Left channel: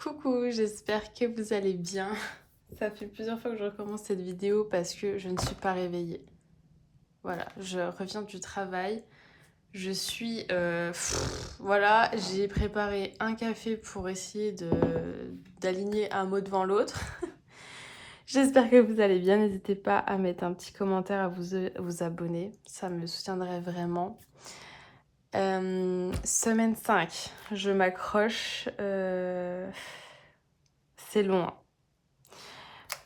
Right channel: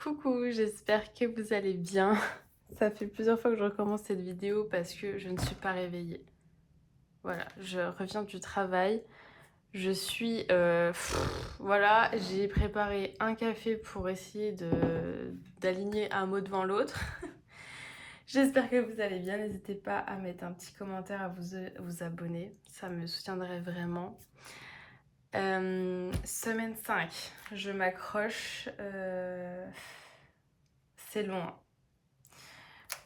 Coucou, j'espère que vous allez bien. Ça fait plusieurs fois que je recommence cette vidéo parce que je ne suis pas réveillée. Voilà, je reviens du travail. Je suis... voilà, j'ai préparé un café pour essayer d'aligner un mot devant l'autre. J'espère que vous allez bien. N'hésitez pas à mettre un petit commentaire, à vous abonner. Ça me soutiendrait vraiment. Semaine 5, je m'accroche. C'est long, hein.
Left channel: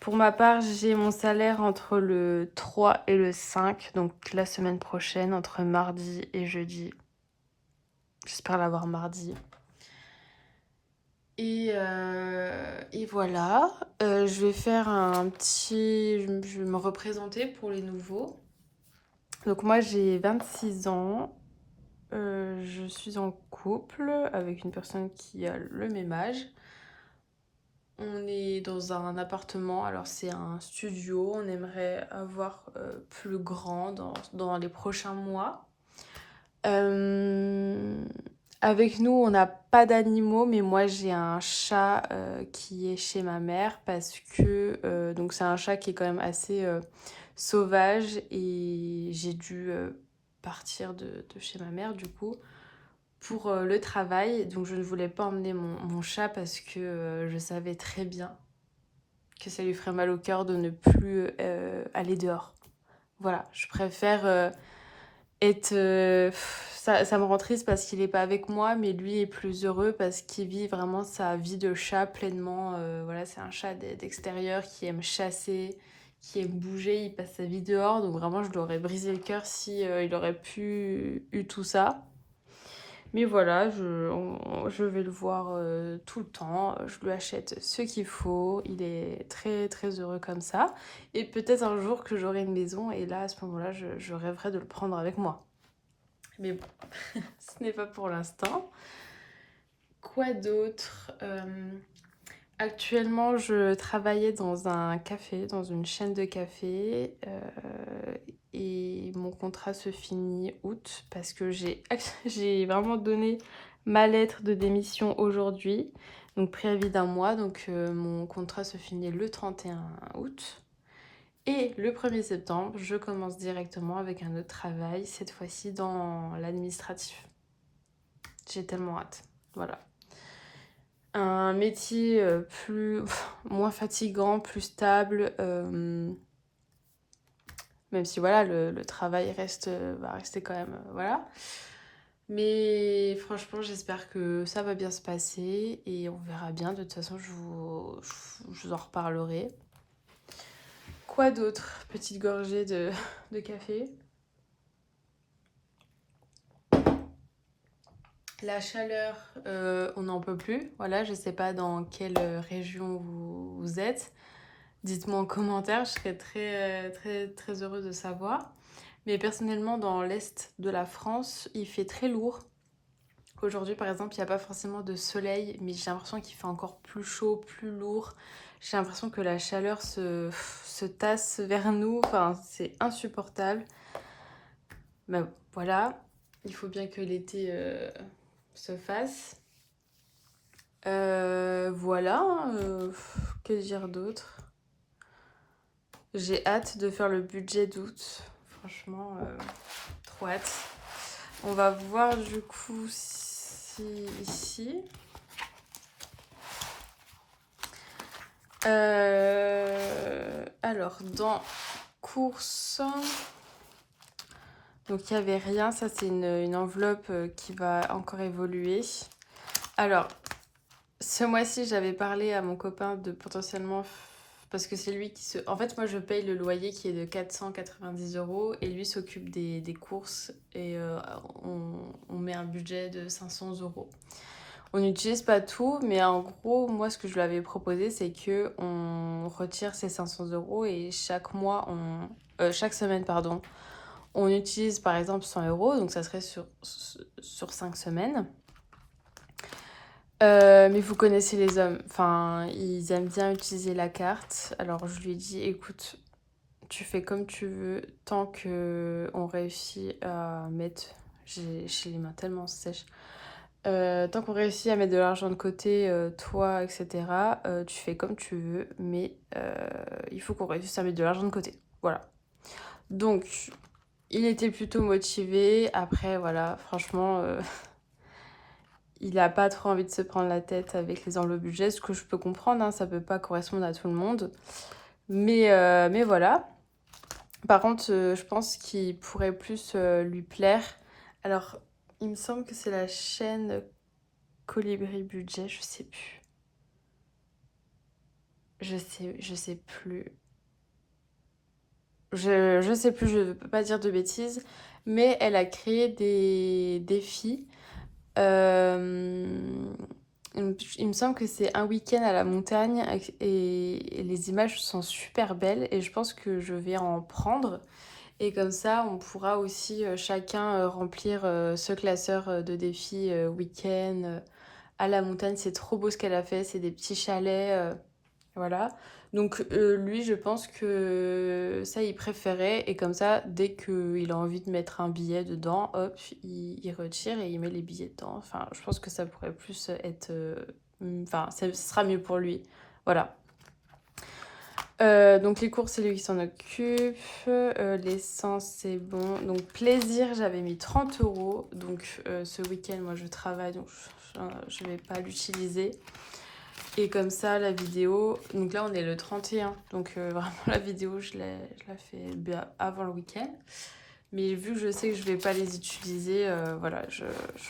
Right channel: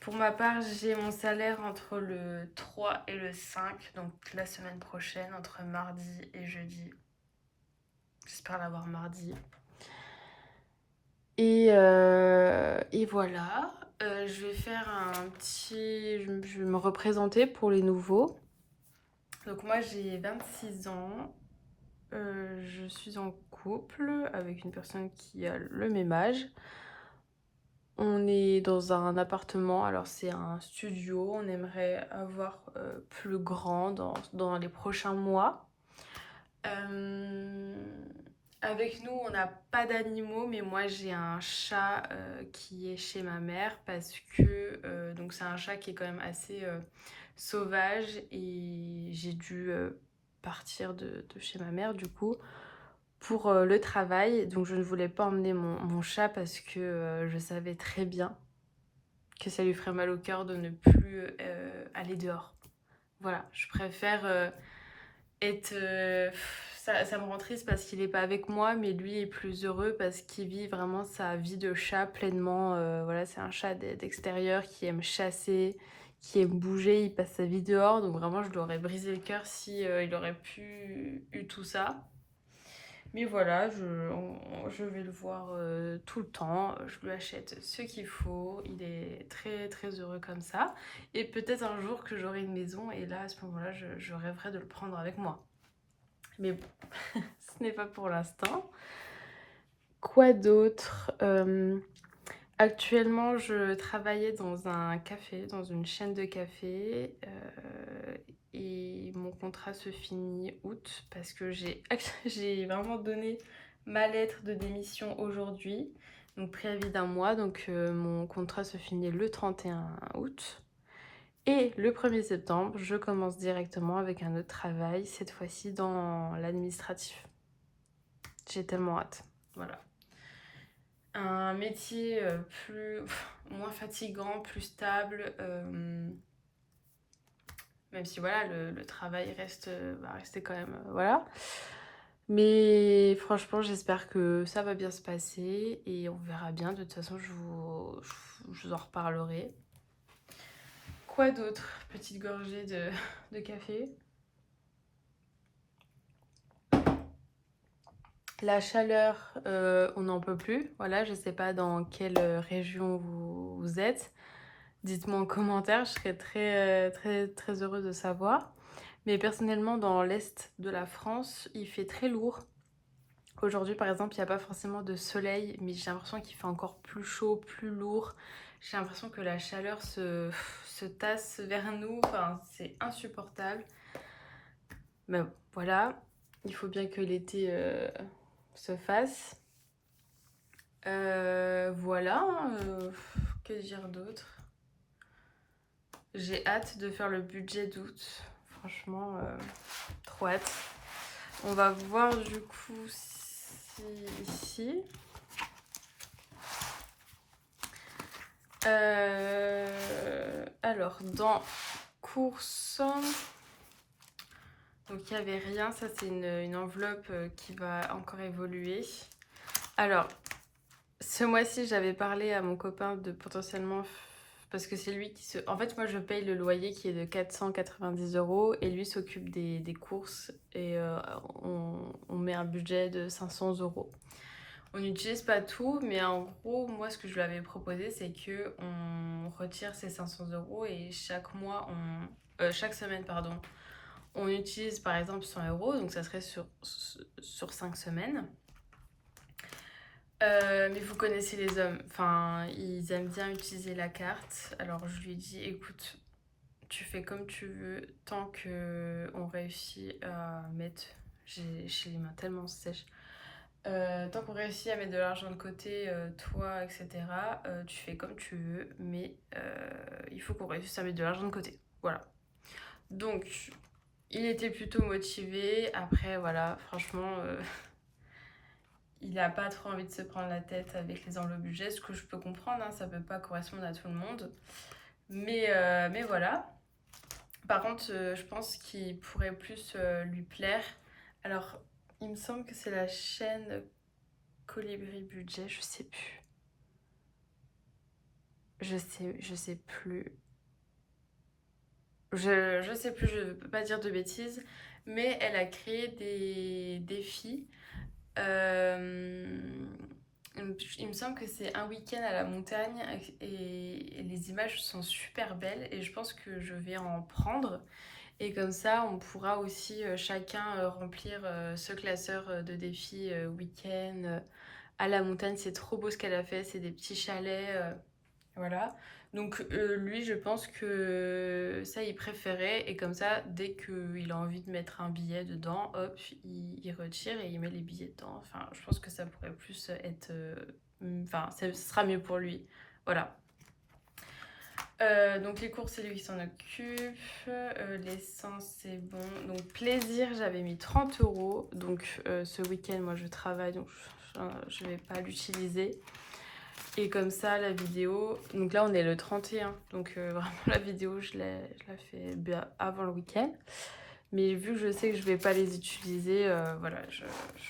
Pour ma part, j'ai mon salaire entre le 3 et le 5, donc la semaine prochaine, entre mardi et jeudi. J'espère l'avoir mardi. Et voilà, je vais faire un petit... Je vais me représenter pour les nouveaux. Donc moi, j'ai 26 ans. Je suis en couple avec une personne qui a le même âge. On est dans un appartement, alors c'est un studio, on aimerait avoir plus grand dans les prochains mois. Euh, Avec nous, on n'a pas d'animaux, mais moi j'ai un chat qui est chez ma mère parce que donc c'est un chat qui est quand même assez sauvage et j'ai dû partir de chez ma mère du coup pour le travail. Donc je ne voulais pas emmener mon chat parce que je savais très bien que ça lui ferait mal au cœur de ne plus aller dehors. Voilà, je préfère être... ça me rend triste parce qu'il n'est pas avec moi, mais lui est plus heureux parce qu'il vit vraiment sa vie de chat pleinement. Voilà, c'est un chat d'extérieur qui aime chasser, qui aime bouger, il passe sa vie dehors. Donc vraiment, je lui aurais brisé le cœur si il aurait pu eu tout ça. Mais voilà, je vais le voir tout le temps. Je lui achète ce qu'il faut. Il est très très heureux comme ça. Et peut-être un jour que j'aurai une maison et là, à ce moment-là, je rêverai de le prendre avec moi. Mais bon, ce n'est pas pour l'instant. Quoi d'autre? Actuellement, je travaillais dans un café, dans une chaîne de café. Et mon contrat se finit août parce que j'ai vraiment donné ma lettre de démission aujourd'hui. Donc préavis d'un mois. Donc mon contrat se finit le 31 août. Et le 1er septembre, je commence directement avec un autre travail, cette fois-ci dans l'administratif. J'ai tellement hâte. Voilà. Un métier moins fatigant, plus stable. Même si voilà, le travail va rester quand même. Voilà. Mais franchement, j'espère que ça va bien se passer et on verra bien. De toute façon, je vous en reparlerai. Quoi d'autre? Petite gorgée de café. La chaleur, on n'en peut plus. Voilà, je sais pas dans quelle région vous êtes. Dites-moi en commentaire, je serais très heureuse de savoir. Mais personnellement, dans l'est de la France, il fait très lourd. Aujourd'hui, par exemple, il n'y a pas forcément de soleil, mais j'ai l'impression qu'il fait encore plus chaud, plus lourd. J'ai l'impression que la chaleur se tasse vers nous. Enfin, c'est insupportable. Mais voilà, il faut bien que l'été se fasse. Voilà, que dire d'autre? J'ai hâte de faire le budget d'août. Franchement, trop hâte. On va voir du coup si ici. Alors, dans courses, donc il n'y avait rien. Ça, c'est une enveloppe qui va encore évoluer. Alors, ce mois-ci, j'avais parlé à mon copain de potentiellement... Parce que c'est lui qui se... En fait, moi, je paye le loyer qui est de 490 € et lui s'occupe des courses et on met un budget de 500 €. On n'utilise pas tout, mais en gros, moi, ce que je lui avais proposé, c'est que on retire ces 500 € et chaque semaine, pardon, on utilise par exemple 100 €, donc ça serait sur 5 semaines. Mais vous connaissez les hommes, enfin, ils aiment bien utiliser la carte. Alors je lui ai dit, écoute, tu fais comme tu veux, tant que on réussit à mettre, j'ai les mains tellement sèches, Tant qu'on réussit à mettre de l'argent de côté, toi, etc., tu fais comme tu veux, mais il faut qu'on réussisse à mettre de l'argent de côté. Voilà. Donc, il était plutôt motivé. Après, voilà, franchement, il a pas trop envie de se prendre la tête avec les enveloppes budget, ce que je peux comprendre, hein, ça peut pas correspondre à tout le monde. Mais voilà. Par contre, je pense qu'il pourrait plus lui plaire. Alors, il me semble que c'est la chaîne Colibri Budget, je sais plus. Je sais plus. Je sais plus, je ne peux pas dire de bêtises, mais elle a créé des défis. Euh, il me semble que c'est un week-end à la montagne et les images sont super belles et je pense que je vais en prendre. Et comme ça, on pourra aussi chacun remplir ce classeur de défis week-end à la montagne. C'est trop beau ce qu'elle a fait, c'est des petits chalets. Voilà. Donc lui, je pense que ça, il préférait. Et comme ça, dès qu'il a envie de mettre un billet dedans, hop, il retire et il met les billets dedans. Enfin, je pense que ça pourrait plus être... Enfin, ça sera mieux pour lui. Voilà. Donc les courses, c'est lui qui s'en occupe. L'essence, c'est bon. Donc plaisir, j'avais mis 30 euros. Donc ce week-end, moi, je travaille, donc je vais pas l'utiliser. Et comme ça, la vidéo... Donc là, on est le 31. Donc vraiment, la vidéo, je la fais bien avant le week-end. Mais vu que je sais que je vais pas les utiliser, voilà, je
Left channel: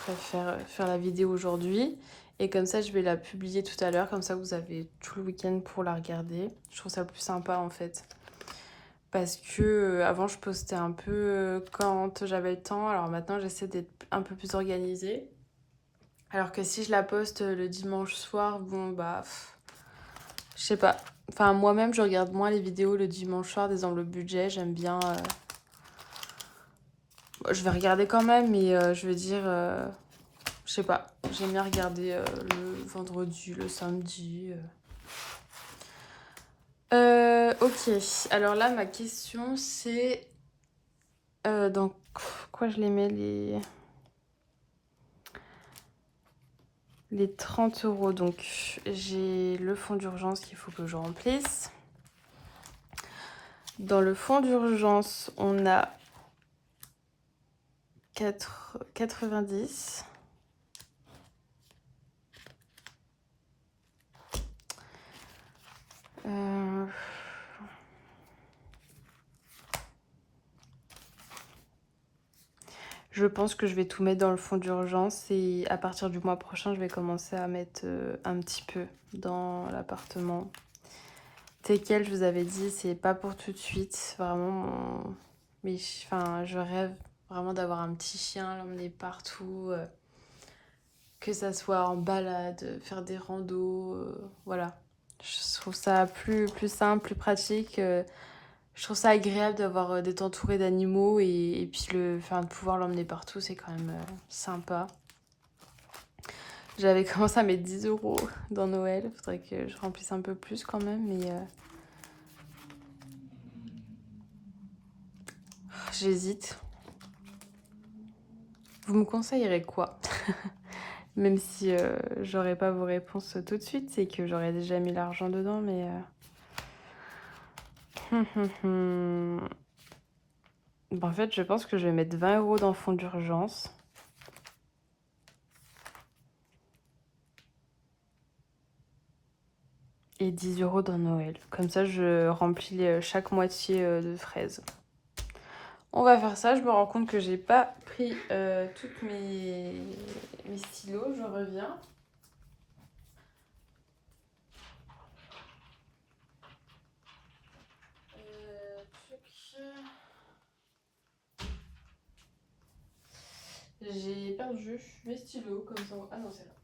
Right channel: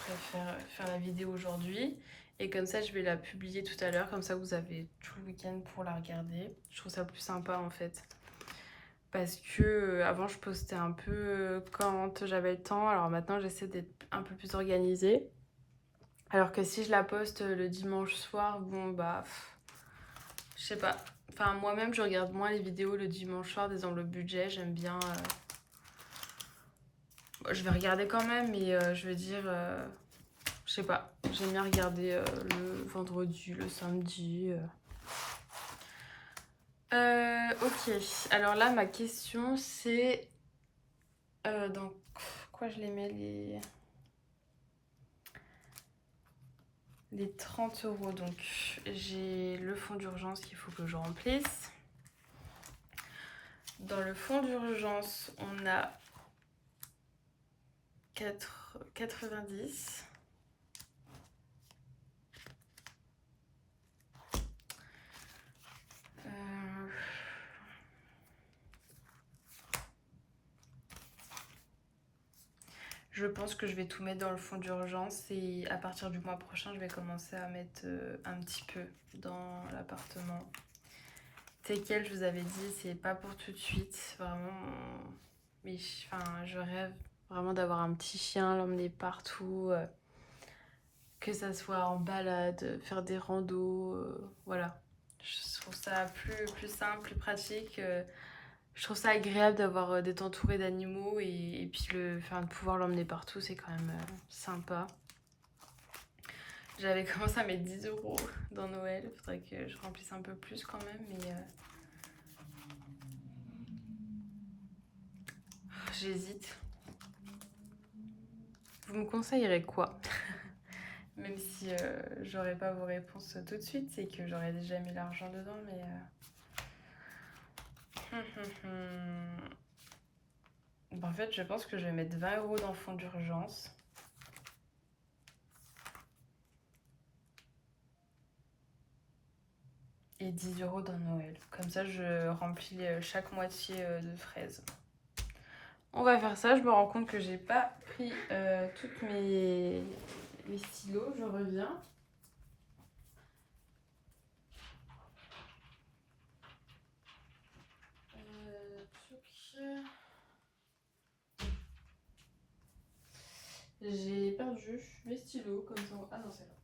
préfère faire la vidéo aujourd'hui. Et comme ça, je vais la publier tout à l'heure. Comme ça, vous avez tout le week-end pour la regarder. Je trouve ça plus sympa, en fait. Parce que avant, je postais un peu quand j'avais le temps. Alors maintenant, j'essaie d'être un peu plus organisée. Alors que si je la poste le dimanche soir, bon, bah... je sais pas. Enfin, moi-même, je regarde moins les vidéos le dimanche soir des enveloppes budget. J'aime bien... Je vais regarder quand même, mais je veux dire... je sais pas. J'aime bien regarder le vendredi, le samedi. Ok. Alors là, ma question, c'est... dans quoi je les mets, les 30 euros. Donc, j'ai le fonds d'urgence qu'il faut que je remplisse. Dans le fonds d'urgence, on a 90. Je pense que je vais tout mettre dans le fonds d'urgence et à partir du mois prochain, je vais commencer à mettre un petit peu dans l'appartement. Tequel, je vous avais dit, c'est pas pour tout de suite. Vraiment, mais enfin, je rêve vraiment d'avoir un petit chien, l'emmener partout, que ça soit en balade, faire des randos, voilà. Je trouve ça plus simple, plus pratique. Je trouve ça agréable d'avoir d'être entouré d'animaux et puis enfin, de pouvoir l'emmener partout, c'est quand même sympa. J'avais commencé à mettre 10 euros dans Noël. Faudrait que je remplisse un peu plus quand même, mais j'hésite. Vous me conseillerez quoi? Même si j'aurais pas vos réponses tout de suite, c'est que j'aurais déjà mis l'argent dedans, mais... Bon, en fait, je pense que je vais mettre 20 euros dans le fonds d'urgence. Et 10 euros dans Noël. Comme ça, je remplis chaque moitié de fraises. On va faire ça. Je me rends compte que j'ai pas pris toutes mes stylos. Je reviens. J'ai perdu mes stylos comme ça. Ah non, c'est là.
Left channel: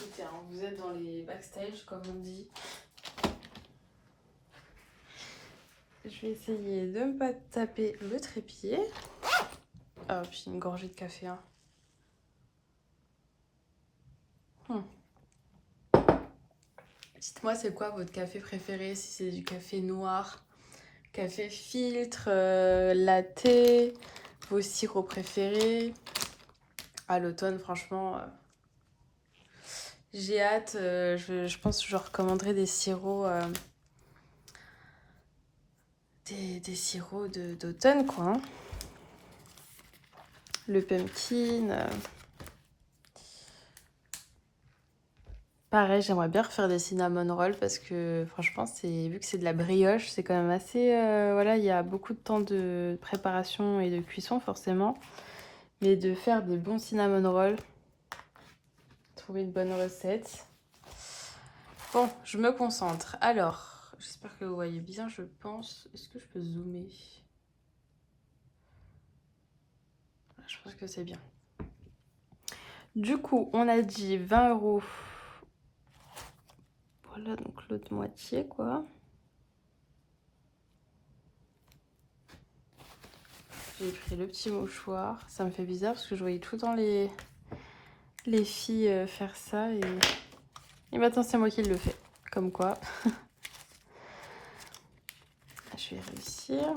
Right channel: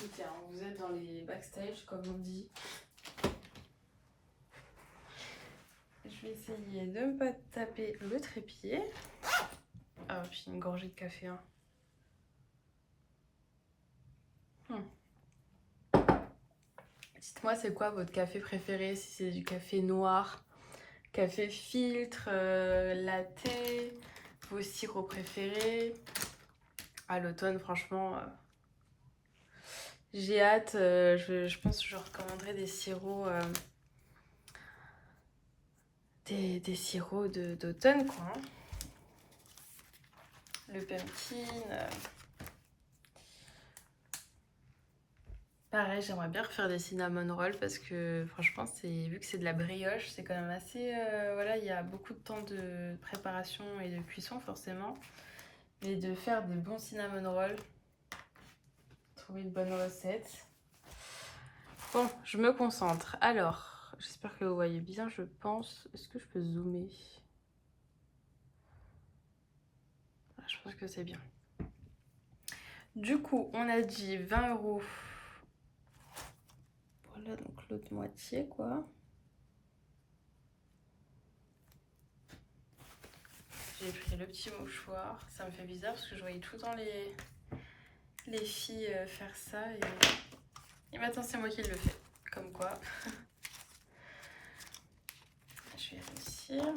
Écoutez, hein, vous êtes dans les backstage, comme on dit. Je vais essayer de ne pas taper le trépied. Ah, puis une gorgée de café. Hein. Dites-moi, c'est quoi votre café préféré? Si c'est du café noir, café filtre, latte, vos sirops préférés. À l'automne, franchement, j'ai hâte. Je pense que je recommanderai des sirops, des sirops d'automne, quoi, hein. Le pumpkin. Pareil, j'aimerais bien refaire des cinnamon rolls parce que franchement, vu que c'est de la brioche, c'est quand même assez... voilà, il y a beaucoup de temps de préparation et de cuisson forcément. Mais de faire des bons cinnamon rolls, trouver une bonne recette. Bon, je me concentre. Alors, j'espère que vous voyez bien, je pense. Est-ce que je peux zoomer? Je pense que c'est bien. Du coup, on a dit 20 €. Voilà, donc l'autre moitié, quoi. J'ai pris le petit mouchoir. Ça me fait bizarre parce que je voyais tout le temps les filles faire ça. Et maintenant, c'est moi qui le fais. Comme quoi. Je vais réussir.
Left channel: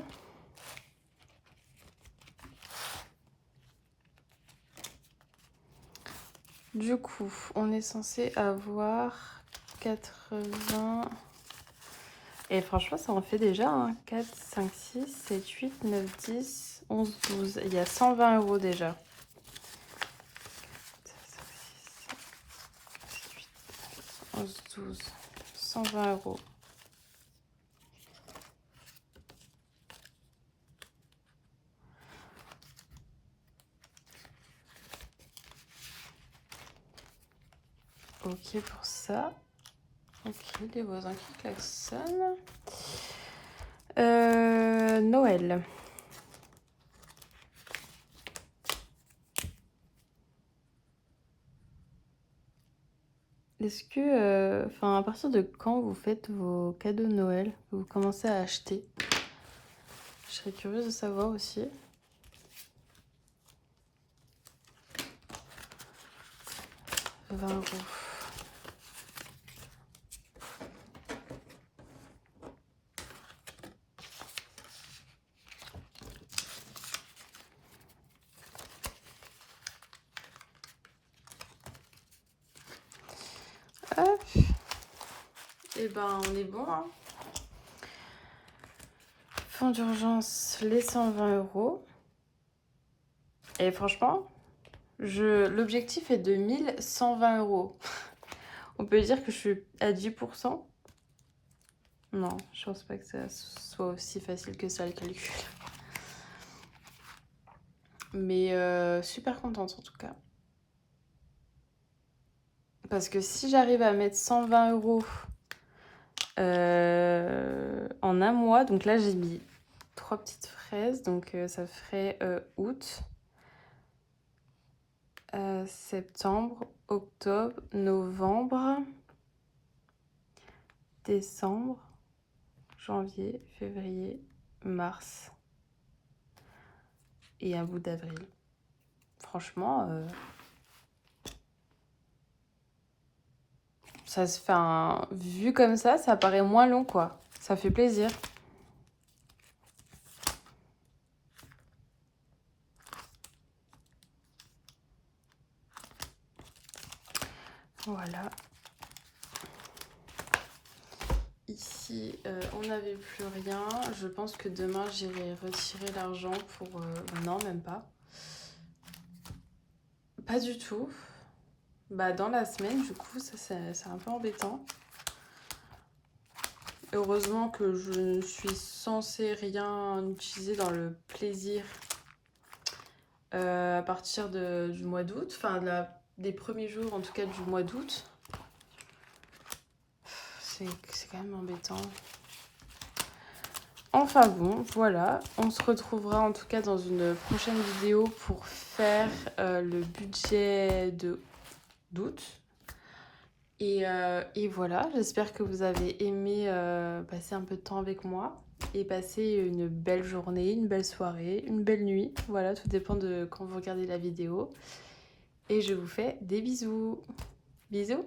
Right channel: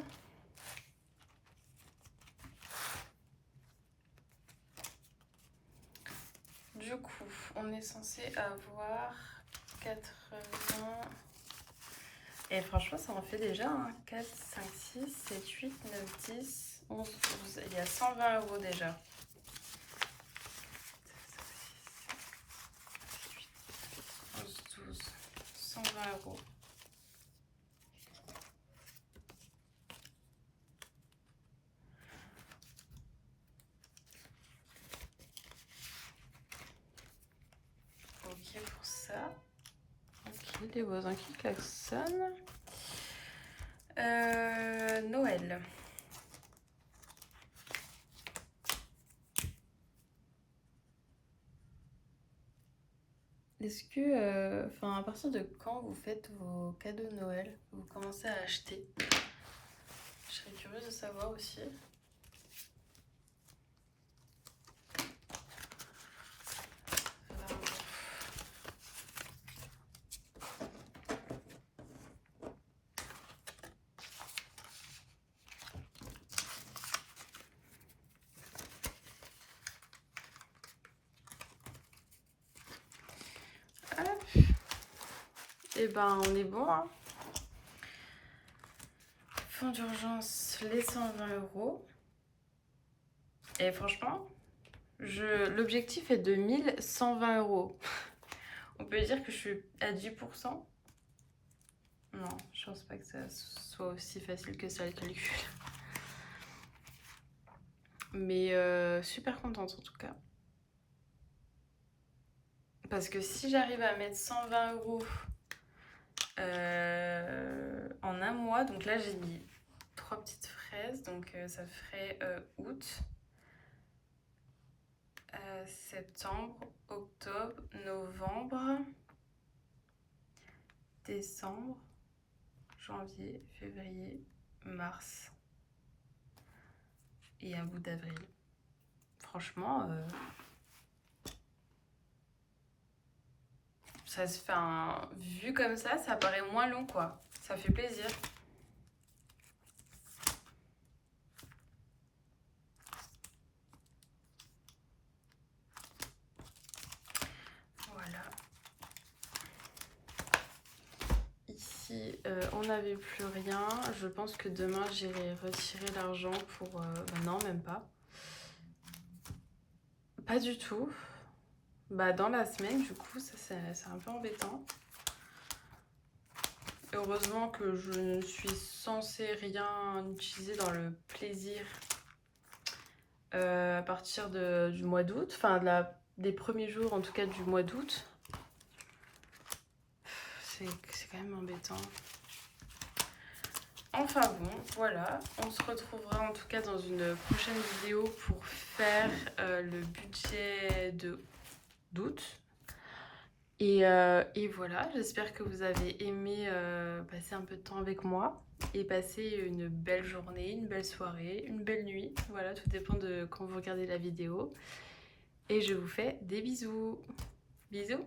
Du coup, on est censé avoir 80... Et franchement, ça en fait déjà, hein. 4, 5, 6, 7, 8, 9, 10, 11, 12. Il y a 120 € déjà. 11, 12, 120 €. Ok pour ça. Ok, les voisins qui klaxonnent. Noël. Est-ce que, enfin, à partir de quand vous faites vos cadeaux de Noël? Vous commencez à acheter? Je serais curieuse de savoir aussi. 20 €. Hop. Et ben, on est bon, hein. Fonds d'urgence, les 120 €. Et franchement, l'objectif est de 1120 €. On peut dire que je suis à 10%. Non, je pense pas que ça soit aussi facile que ça le calcul. Mais super contente en tout cas. Parce que si j'arrive à mettre 120 € en un mois, donc là j'ai mis 3 petites fraises, donc ça ferait août, septembre, octobre, novembre, décembre, janvier, février, mars et un bout d'avril. Franchement, ça se fait vu comme ça paraît moins long quoi. Ça fait plaisir. Voilà. Ici, on n'avait plus rien. Je pense que demain, j'irai retirer l'argent pour... non, même pas. Pas du tout. Bah, dans la semaine, du coup, ça c'est un peu embêtant. Heureusement que je ne suis censée rien utiliser dans le plaisir à partir du mois d'août. Enfin, des premiers jours, en tout cas, du mois d'août. C'est quand même embêtant. Enfin bon, voilà, on se retrouvera en tout cas dans une prochaine vidéo pour faire le budget d'août. Et voilà, j'espère que vous avez aimé passer un peu de temps avec moi et passer une belle journée, une belle soirée, une belle nuit. Voilà, tout dépend de quand vous regardez la vidéo. Et je vous fais des bisous. Bisous!